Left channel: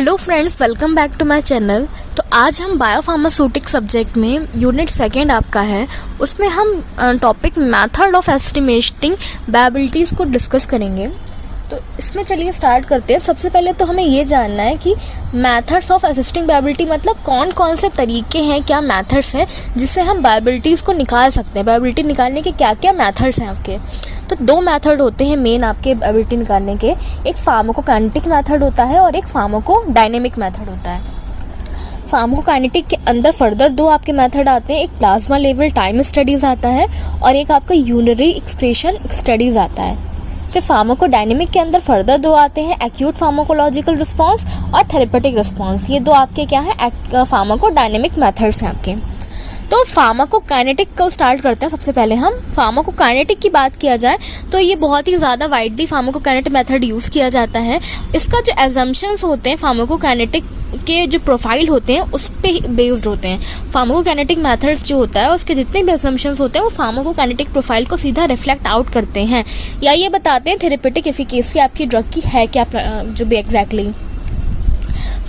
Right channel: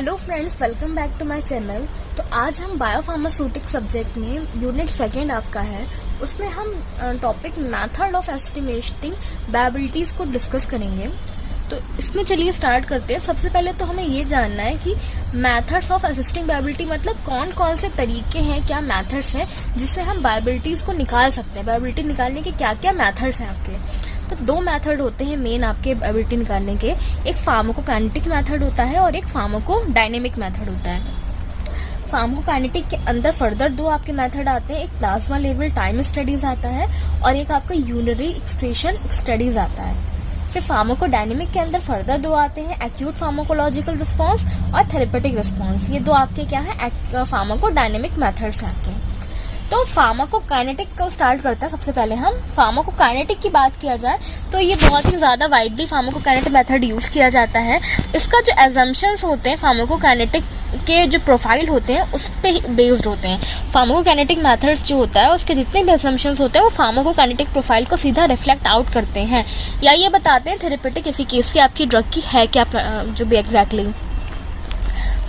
Hello friends, welcome back to my channel. तो आज हम बायोफार्मास्यूटिक सब्जेक्ट में यूनिट सेकेंड आपका है, उसमें हम topic method of estimating bioavailabilities को डिस्कस करेंगे। तो इसमें चलिए स्टार्ट करते हैं। सबसे पहले तो हमें ये जानना है कि मेथड्स ऑफ असिस्टिंग बायबिलिटी मतलब कौन कौन से तरीके हैं, क्या मेथड्स हैं जिससे हम बायबिलिटीज़ को निकाल सकते हैं। बायबिलिटी निकालने के क्या क्या मेथड्स हैं आपके। तो दो मेथड होते हैं मेन आपके बायबिलिटी निकालने के, एक फार्माकोकाइनेटिक मेथड होता है और एक फार्माकोडायनेमिक मेथड होता है। फार्माकोकाइनेटिक के अंदर फर्दर दो आपके मेथड आते हैं, एक प्लाज्मा लेवल टाइम स्टडीज़ आता है और एक आपका यूरिनरी एक्सक्रीशन स्टडीज़ आता है। फिर फार्माकोडायनेमिक के अंदर फर्दर दो आते हैं, एक्यूट फार्माकोलॉजिकल रिस्पॉन्स और थेरेपेटिक रिस्पॉन्स। ये दो आपके क्या है, फार्माकोडायनेमिक मेथड्स हैं आपके। तो फार्माकोकाइनेटिक को स्टार्ट करते हैं। सबसे पहले हम फार्माकोकाइनेटिक की बात किया जाए तो ये बहुत ही ज़्यादा वाइडली फार्माकोकाइनेटिक मेथड यूज़ किया जाता है। इसका जो एजम्पशंस होते हैं फार्माकोकाइनेटिक के जो प्रोफाइल होते हैं उस पे बेस्ड होते हैं। फार्माकोकाइनेटिक मेथड्स जो होता है उसके जितने भी एजम्पशंस होते हैं वो फार्माकोकाइनेटिक प्रोफाइल को सीधा रिफ्लेक्ट आउट करते हैं या ये बताते हैं थेरेपेटिक एफिकेसी आपकी ड्रग की है क्या, जो भी एग्जैक्टली।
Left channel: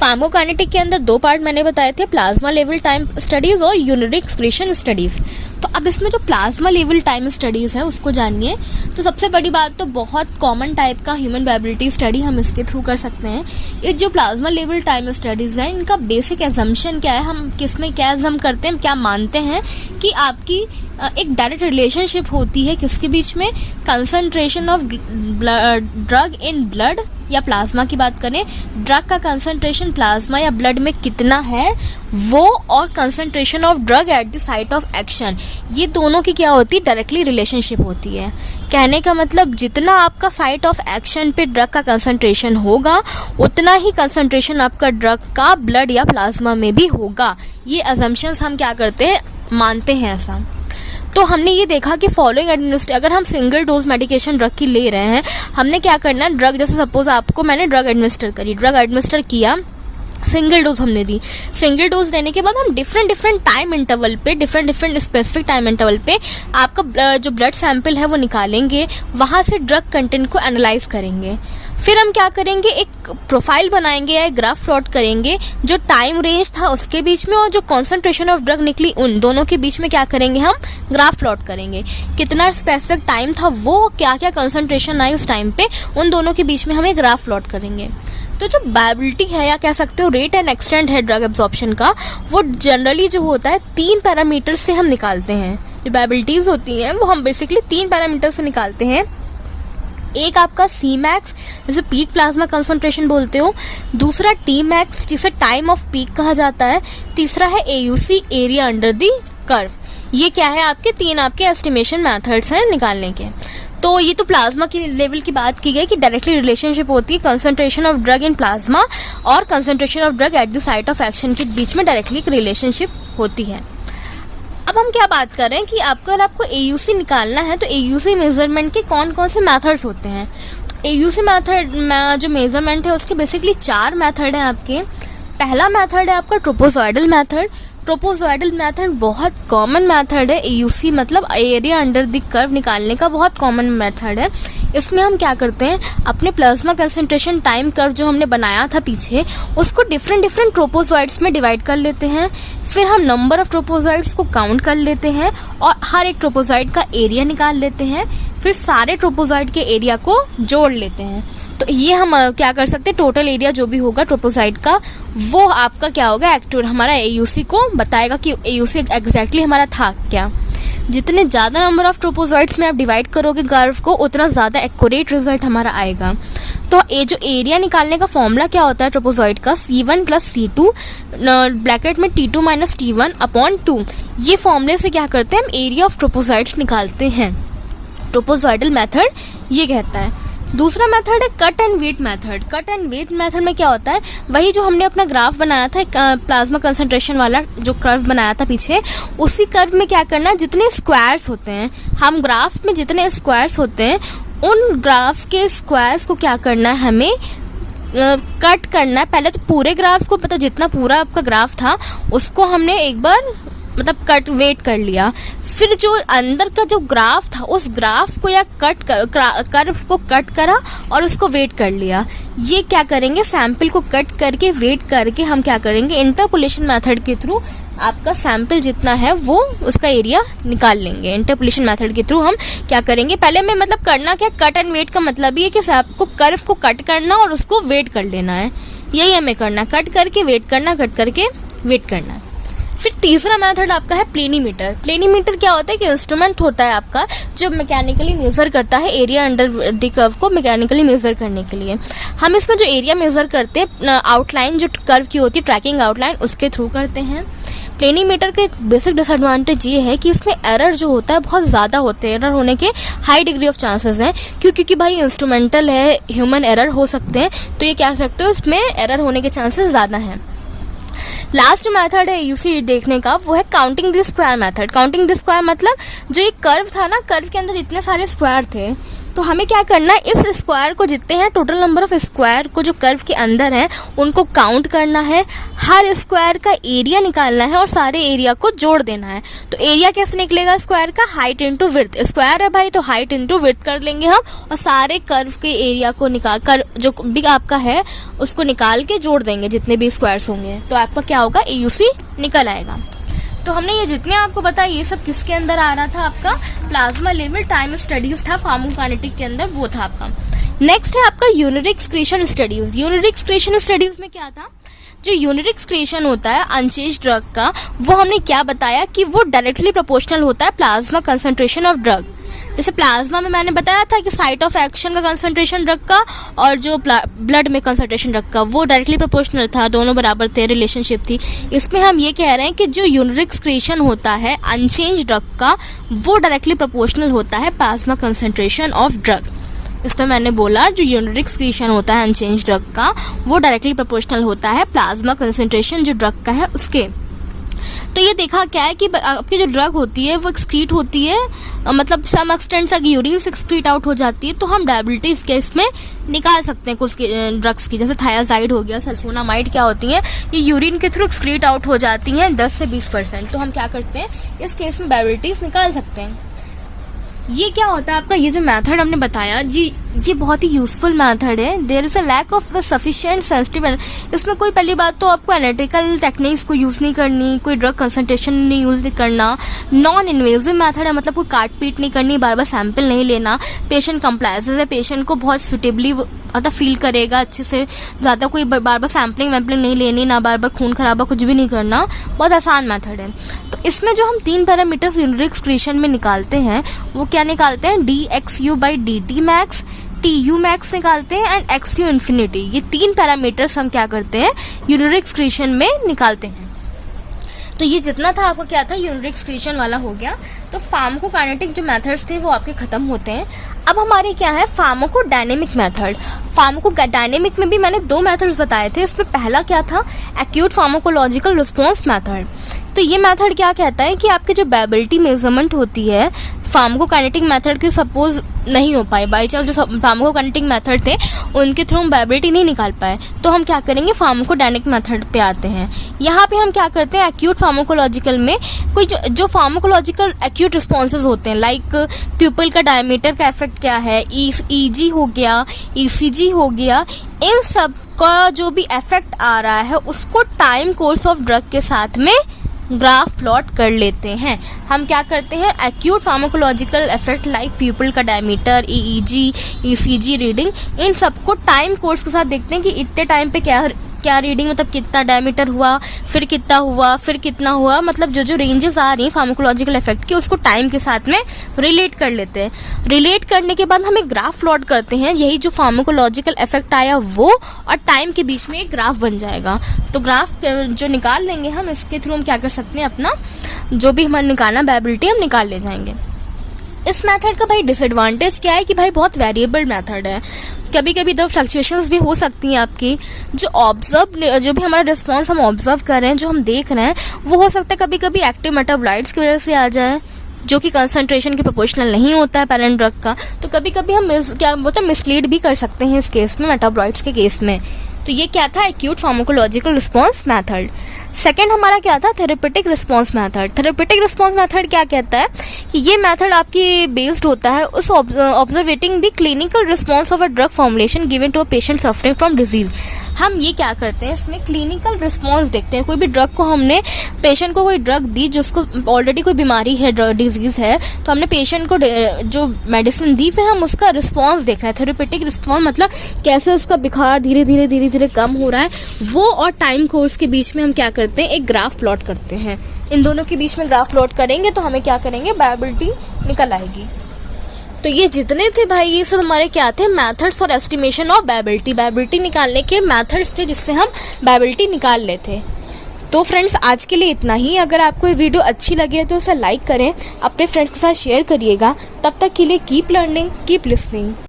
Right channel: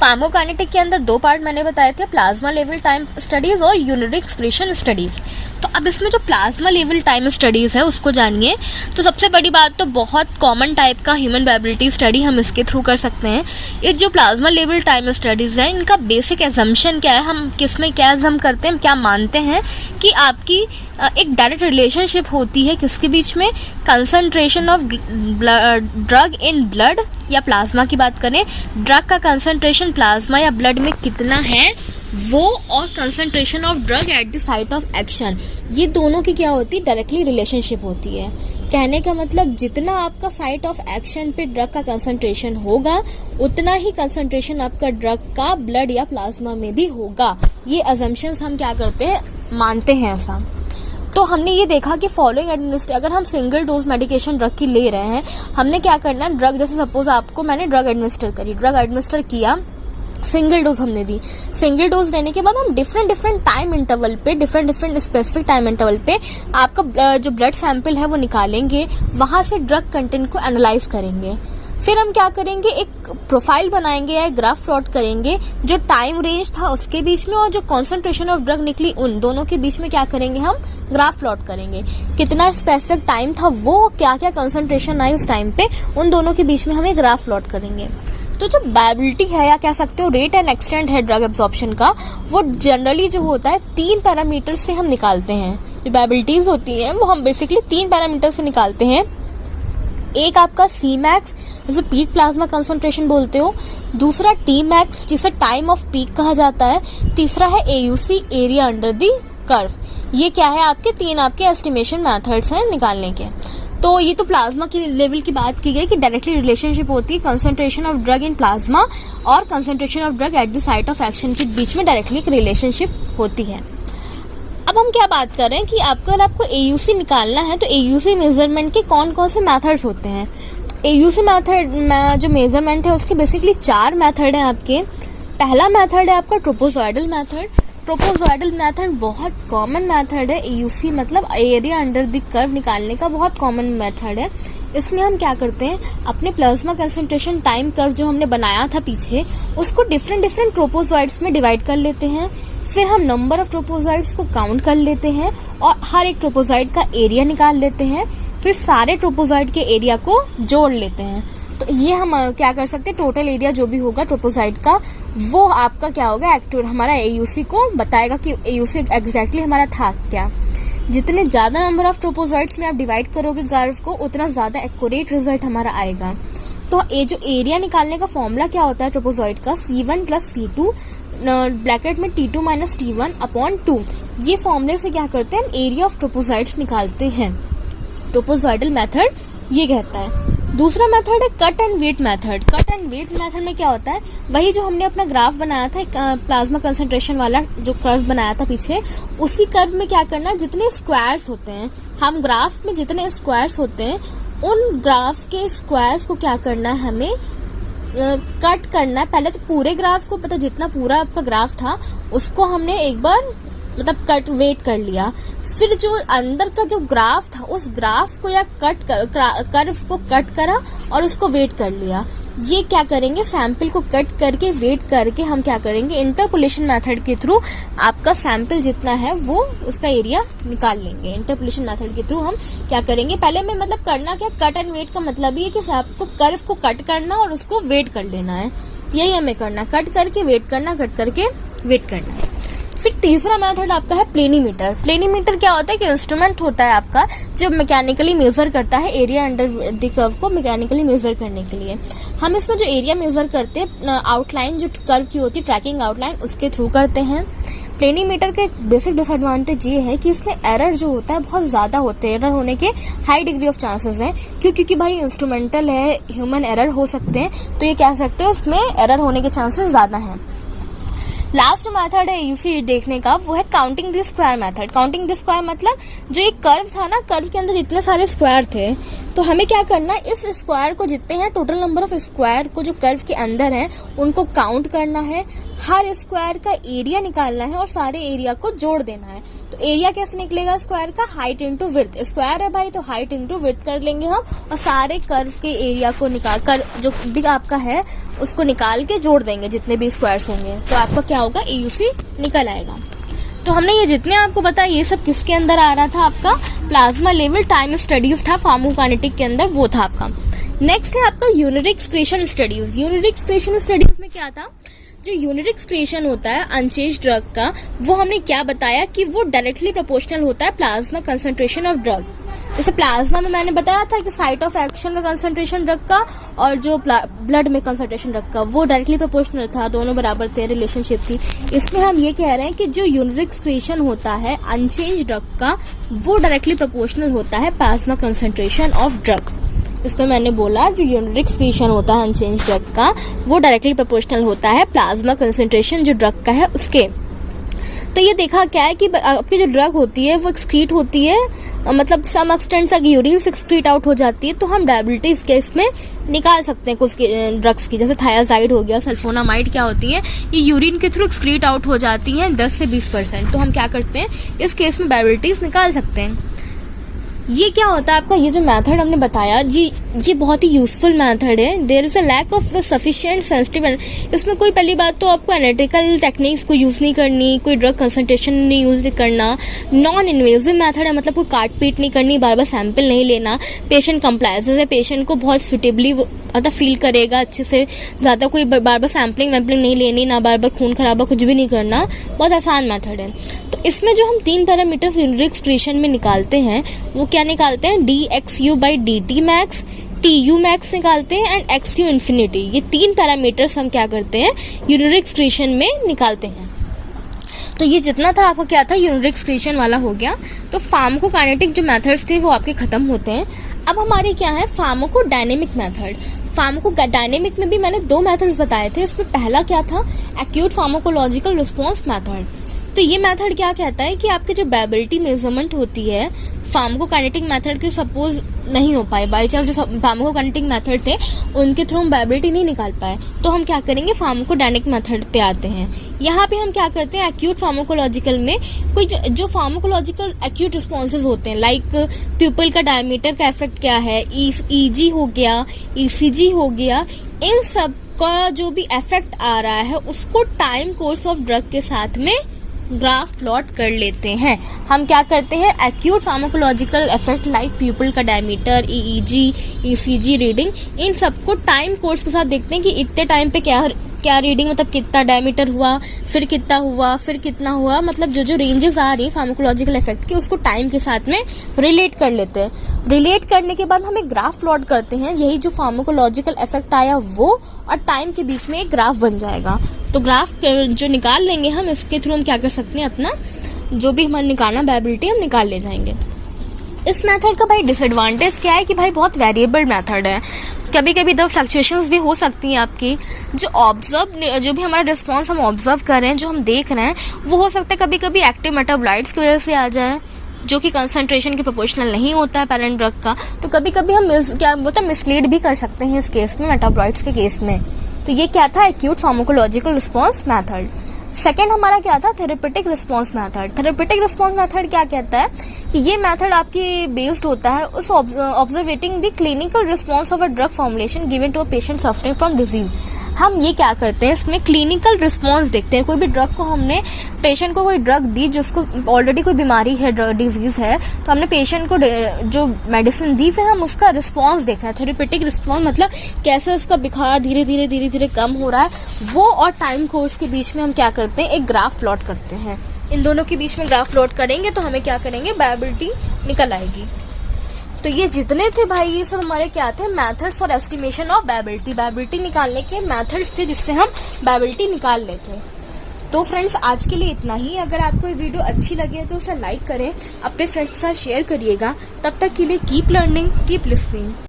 फार्माकोकाइनेटिक के अंदर दो पार्ट मैंने बताए थे, प्लाज्मा लेवल टाइम स्टडीज़ और यूरिनरी एक्सक्रीशन स्टडीज़। तो अब इसमें जो प्लाज्मा लेवल टाइम स्टडीज़ है उसको जानिए। तो सबसे बड़ी बात तो बहुत कॉमन टाइप का ह्यूमन बायबिलिटी स्टडी हम इसके थ्रू कर सकते हैं। ये जो प्लाज्मा लेवल टाइम स्टडीज़ हैं इनका बेसिक एजम्पशन क्या है, हम किसमें क्या एजम करते हैं, क्या मानते हैं कि आपकी एक डायरेक्ट रिलेशनशिप होती है किसके बीच में, concentration of drug in blood या प्लाज्मा की बात करें, ड्रग का कंसंट्रेशन प्लाज्मा या ब्लड में कितना है वो, और concentration of drug at the site of action, ये दोनों की क्या होती है, डायरेक्टली रिलेशनशिप होती है। कहने का मतलब जितना आपका साइट ऑफ एक्शन पे ड्रग का कंसंट्रेशन होगा उतना ही कंसंट्रेशन आपका ड्रग का ब्लड या प्लाज्मा में भी होगा। ये अजम्पशंस हम क्या करते हैं, मानते हैं ऐसा। तो हमने ये देखा कि फॉलोइंग एडमिनिस्ट्रेशन, अगर हम सिंगल डोज मेडिकेशन ड्रग की ले रहे हैं, हमने क्या करना है, ड्रग जैसे सपोज आपको मैंने ड्रग एडमिनिस्टर किया, सिंगल डोज हमने दी। सिंगल डोज देने के बाद हम डिफरेंट टाइम इंटरवल पे, डिफरेंट स्पेसिफिक टाइम इंटरवल पे आपका जो ब्लड सैंपल है वो निकालेंगे, वहाँ से ड्रग कंटेंट को एनालाइज करेंगे। फिर हम क्या करेंगे, एक प्रोफाइल बनाएंगे या एक ग्राफ प्लॉट करेंगे जो टाइम रेंज था उसके बीच में और जो कॉन्सेंट्रेशन ऑफ ड्रग निकली उन दोनों के बीच में क्या करेंगे, हम ग्राफ प्लॉट करेंगे। कितना स्पेसिफिक टाइम था वो, क्या क्या कंसंट्रेशन आई उस टाइम पे, उन दोनों के बीच में हम एक ग्राफ प्लॉट करेंगे। तो जो बायबिलिटी है या कह सकते हो रेट एंड एक्सटेंट है ड्रग एब्जॉर्प्शन का, वो जनरली जो होता है 3 पैरामीटर से हम निकालते हैं। जो बायबिलिटीज होती हैं वो हम बेसिकली 3 पैरामीटर से निकालते हैं। एक आपका सी मैक्स जिसे पीक प्लाज्मा कंसंट्रेशन बोलते हो, दूसरा टी मैक्स जिसे टाइम ऑफ पीक कहा जाता है, तीसरा है AUC area under the curve. ये क्या है, आपके 3 आपके एस्टिमेशन मेथड्स हैं निकालने के। तो ये तो प्लाज्मा की लेवल की बात की गई कि डायरेक्टली रिलेशनशिप होती है concentration of drug in plasma और concentration of drug at the site of action के बीच में डायरेक्टली एक रिलेशनशिप होती है। अब हम क्या बात कर रहे हैं कि अगर आपको एयूसी निकालना है तो एयूसी मेजरमेंट के कौन कौन से मेथड्स होते हैं। तो एयूसी मेथड में जो मेजरमेंट है उसके बेसिकली 4 मेथड हैं आपके। पहला मेथड है आपका ट्रोपोजॉइडल मेथड। ट्रोपोजॉइडल मेथड बहुत कॉमन मेथड है। एयूसी मतलब एरिया अंडर द कर्व निकालने का बहुत कॉमन मेथड है। इसमें हम क्या करते हैं, अपने प्लाज्मा कंसंट्रेशन टाइम कर्व जो हमने बनाया था पीछे उसको डिफरेंट ट्रोपोजॉइड्स में डिवाइड कर लेते हैं। फिर हम नंबर ऑफ ट्रोपोजॉइड्स को काउंट कर लेते हैं और हर एक ट्रोपोजॉइड का एरिया निकाल लेते हैं। फिर सारे ट्रोपोजॉइड के एरिया को जोड़ लेते हैं। तो ये हम क्या कर सकते हैं, टोटल एरिया जो भी होगा ट्रोपोजॉइड का वो आपका क्या होगा, एक्टिव हमारा एयूसी को बताएगा कि एयूसी एग्जैक्टली हमारा था क्या। जितने ज़्यादा नंबर ऑफ ट्रोपोजॉइड्स में आप डिवाइड करोगे कर्व को उतना ज़्यादा एक्यूरेट रिजल्ट हमारा आएगा। तो ये जो एरिया निकालने का फॉर्मूला क्या होता है ट्रोपोजॉइड का, C1 + C2 ब्रैकेट में T2 - T1/2। ये फॉर्मूले से क्या करते हैं, हम एरिया ऑफ ट्रोपोजॉइड्स निकालते हैं। ट्रोपोजॉइडल मेथड ये कहता है। दूसरा मेथड है cut and wait method. Cut and wait method में क्या होता है, वही जो हमने अपना ग्राफ बनाया था प्लाज्मा कंसंट्रेशन वाला जो कर्व बनाया था पीछे, उसी कर्व में क्या करना है, जितने स्क्वायर्स होते हैं, हम ग्राफ में जितने स्क्वायर्स होते हैं उन ग्राफ के स्क्वायर्स को क्या करना है, हमें कट करना है। पहले तो पूरे ग्राफ को, पता जितना पूरा आपका ग्राफ था उसको हमने एक बार मतलब कट वेट कर लिया, फिर जो अंदर का जो ग्राफ था उस ग्राफ को या कर्व को कट करा और उसको वेट कर लिया। ये क्या करेंगे, सैंपल को कट करके वेट करके हम क्या करेंगे, इंटरपोलेशन मेथड के थ्रू आपका सैंपल जितना है वो उसका एरिया निकाल लेंगे। इंटरपोलेशन मेथड के थ्रू हम क्या करेंगे, पहले में मतलब करना क्या, कट एंड वेट का मतलब ये है कि आपको कर्व को कट करना और उसको वेट कर लेना है, यही हमें करना, कट करके वेट करना, कट करके वेट करना है। फिर तीसरा मेथड आपका है प्लेनीमीटर। प्लेनीमीटर क्या होता है कि इंस्ट्रूमेंट होता है आपका जो मैकेनिकली मेजर करता है एरिया अंडर द कर्व को मैकेनिकली मेजर करने के लिए। हम इसमें जो एरिया मेजर करते हैं आउटलाइन जो कर्व की होती है ट्रैकिंग आउटलाइन उसके थ्रू करते हैं। प्लेनीमीटर का एक बेसिक डिसएडवांटेज ये है कि इसमें एरर जो होता है बहुत ज़्यादा होते हैं, एरर होने के हाई डिग्री ऑफ चांसेस हैं, क्योंकि भाई इंस्ट्रूमेंटल है, ह्यूमन एरर हो सकते हैं, तो ये कह सकते हो इसमें एरर होने के चांसेस ज़्यादा हैं। लास्ट मेथड है यूसी देखने का, वो है counting the square method. Counting the square मतलब जो एक कर्व था ना, कर्व के अंदर जितने सारे स्क्वायर थे, तो हमें क्या करना है, इस स्क्वायर को जितने हैं टोटल नंबर ऑफ स्क्वायर को जो कर्व के अंदर हैं उनको काउंट करना है, हर स्क्वायर का एरिया निकालना है और सारे एरिया को जोड़ देना है। तो एरिया कैसे निकलेगा स्क्वायर का, हाइट इंटू विड्थ, स्क्वायर है भाई तो हाइट इंटू विड्थ कर लेंगे हम, और सारे कर्व के एरिया को निकाल कर जो भी आपका है उसको निकाल के जोड़ देंगे जितने भी स्क्वायर्स होंगे, तो आपका क्या होगा, AUC निकल आएगा। तो हमने ये जितने आपको बताया ये सब किसके अंदर आ रहा था, आपका प्लाज्मा लेवल टाइम स्टडीज था, फार्माकोकाइनेटिक के अंदर वो था आपका। नेक्स्ट है आपका unit excretion studies. Unit excretion studies में क्या था, जो यूनिट एक्सक्रीशन होता है अनचेंज ड्रग का, वो हमने क्या बताया कि वो डायरेक्टली प्रोपोर्शनल होता है प्लाज्मा कंसंट्रेशन ऑफ ड्रग। जैसे प्लाज्मा में मैंने बताया था कि साइट ऑफ एक्शन का कंसंट्रेशन ड्रग का और जो ब्लड में कंसंट्रेशन ड्रग का वो डायरेक्टली प्रोपोर्शनल था, दोनों बराबर थे, रिलेशनशिप थी। इसमें हम ये कह रहे हैं कि जो यूनिट एक्सक्रीशन होता है अनचेंज ड्रग का वो डायरेक्टली प्रोपोर्शनल होता है प्लाज्मा कंसंट्रेशन ऑफ ड्रग। इसमें मैंने बोला जो यूनिट एक्सक्रीशन होता है अनचेंज ड्रग का वो डायरेक्टली प्रोपोर्शनल होता है प्लाज्मा कंसंट्रेशन जो ड्रग का है उसके। तो ये देखा क्या है कि आपकी जो ड्रग होती है वो एक्सक्रीट होती है, मतलब सम एक्सटेंट तक यूरिन से एक्सक्रीट आउट हो जाती है, तो हम डायबिटीज के इसमें निकाल सकते हैं कुछ ड्रग्स की, जैसे थायाजाइड हो गया, सल्फोनामाइड क्या होती है, ये यूरिन के थ्रू एक्सक्रीट आउट हो जाती हैं 10 से 20%, तो हम क्या करते हैं इस केस में डायबिटीज निकाल सकते हैं। ये क्या होता है आपका, ये जो मेथड हमने बताया जी ये बहुत ही यूजफुल मेथड है। There is a lack of sufficient sensitive, इसमें कोई पहली बात तो आपको एनालिटिकल टेक्निक्स को यूज़ नहीं करनी, कोई ड्रग कंसंट्रेशन नहीं यूज़ करना, नॉन इन्वेजिव मेथड है, मतलब कोई काट पीट नहीं करनी, बार बार सैंपल नहीं लेना, पेशेंट कंप्लायंसेस है, पेशेंट को बहुत सुटेबली मतलब फील करेगा अच्छे से, ज़्यादा कोई बार बार सैम्पलिंग वैम्पलिंग नहीं लेनी, ना बार बार खून खराबा कुछ भी नहीं करना, बहुत आसान मेथड है। तो इसमें जो हम 3 पैरामीटर्स यूनिट एक्सक्रीशन में निकालते हैं वो क्या निकालते हैं, dxu/dt मैक्स, TU मैक्स निकालते हैं एंड XU इन्फिनिटी। ये 3 पैरामीटर्स हम क्या करते हैं यूनिट एक्सक्रीशन में निकालते हैं। तो ये जितना था आपका क्या था यूनिट एक्सक्रीशन वाला हो गया। तो फार्माकोकाइनेटिक जो मेथड्स थे वो आपके खत्म होते हैं। अब हमारे क्या है फार्माकोडायनेमिक मेथड। फार्माकोडायनेमिक में भी मैंने 2 मेथड्स बताए थे। इसमें पहला क्या था एक्यूट फार्माकोलॉजिकल रिस्पॉन्स मेथड। तो ये मेथड क्या कहता है कि आपकी जो बेबिलिटी मेजरमेंट होती है फार्माकोकाइनेटिक मेथड की सपोज नहीं हो पाए, बाई चांस जो फार्माकोकाइनेटिक मेथड थे उनके थ्रू हम बेबिलिटी नहीं निकाल पाए, तो हम क्या करेंगे फार्माकोडायनेमिक मेथड पे आते हैं। यहाँ पे हम क्या करते हैं एक्यूट फार्माकोलॉजिकल में कोई जो फार्माकोलॉजिकल एक्यूट रिस्पॉन्सेज होते हैं, लाइक प्यूपल का डायमीटर का इफेक्ट क्या है, EG हो गया, ECG हो गया, इन सब का जो भी इफेक्ट आ रहा है उसको टाइम कोर्स ऑफ ड्रग के साथ में ग्राफ प्लॉट कर लेते हैं। हम क्या करते हैं acute pharmacological effect like pupil का डायमीटर, EEG, ECG रीडिंग, इन सबको टाइम कोर्स के साथ देखते हैं कि इतने टाइम पे क्या रीडिंग, मतलब कितना डायमीटर हुआ, फिर कितना हुआ, फिर कितना हुआ, मतलब जो रेंजेस आ रही है फार्माकोलॉजिकल इफेक्ट की उसको टाइम के साथ में रिलेट कर लेते हैं। रिलेट करने के बाद हम एक ग्राफ प्लॉट करते हैं, यही जो फार्माकोलॉजिकल इफेक्ट आया वो और टाइम के बीच में एक ग्राफ बन जाएगा। तो ग्राफ जो निकाल लेंगे हम, इसके थ्रू हम क्या कर सकते हैं अपना जो भी हमारा निकालना बेबिलिटी हम निकाल ले जाएंगे। इस मेथड का भाई डिसएडवांटेज क्या है कि भाई बहुत वेरिएबल मेथड है, कभी कभी इधर फ्लक्चुएशंस भी हो सकती हैं आपकी। जो भी हमारा रिस्पॉन्स हम ऑब्जर्व कर रहे हैं, जो हम देख रहे हैं, वो हो सकता है कभी कभी एक्टिव मेटाबोलाइट्स की वजह से आ जाए जो कि कंसंट्रेशन के प्रोपोर्शनल नहीं होता है पैरेंट ड्रग का। तो कभी कभी हम मिसलीड भी कर सकते हैं इस केस में, मेटाबोलाइट्स के केस में। तो ये क्या था acute pharmacological response method. Second हमारा क्या था, therapeutic response method. Therapeutic response method क्या कहता है कि ये मेथड आपकी बेस्ड होता है उस observating the clinical response of a drug formulation given to a patient suffering from disease. हम ये क्या करते हैं, इसमें क्लिनिकल रिस्पॉन्स देखते हैं। कोई भी ड्रग को हमने पेशेंट को कोई ड्रग दी जिसको ऑलरेडी कोई बीमारी है, डिजीज़ है, तो हमने पेशेंट को जो मेडिसिन दी, फिर हम उसका रिस्पॉन्स देख रहे हैं। थेरेपेटिक रिस्पॉन्स मतलब कैसे उसका बुखार धीरे धीरे कम हो रहा है, वो और टाइम कोर्स के बीच में हम क्या करते हैं, एक ग्राफ प्लॉट करते हैं। इन दोनों के बीच में ग्राफ प्लॉट करेंगे तो हमें क्या करेंगे, बायबिलिटी निकल आएगी। तो ये जितने थे भाई, ये सब हमारे क्या थे, मेथड्स फॉर एस्टिमेशन ऑफ बायबिलिटी। बायबिलिटी निकालने के मेथड्स थे जिससे हम बायबिलिटी निकाल लेते। तो फ्रेंड्स, आज के लिए इतना ही। अगर आपको ये वीडियो अच्छी लगे तो उसे लाइक करें, अपने फ्रेंड्स के साथ शेयर करिएगा। तब तक के लिए कीप लर्निंग, कीप लिसनिंग।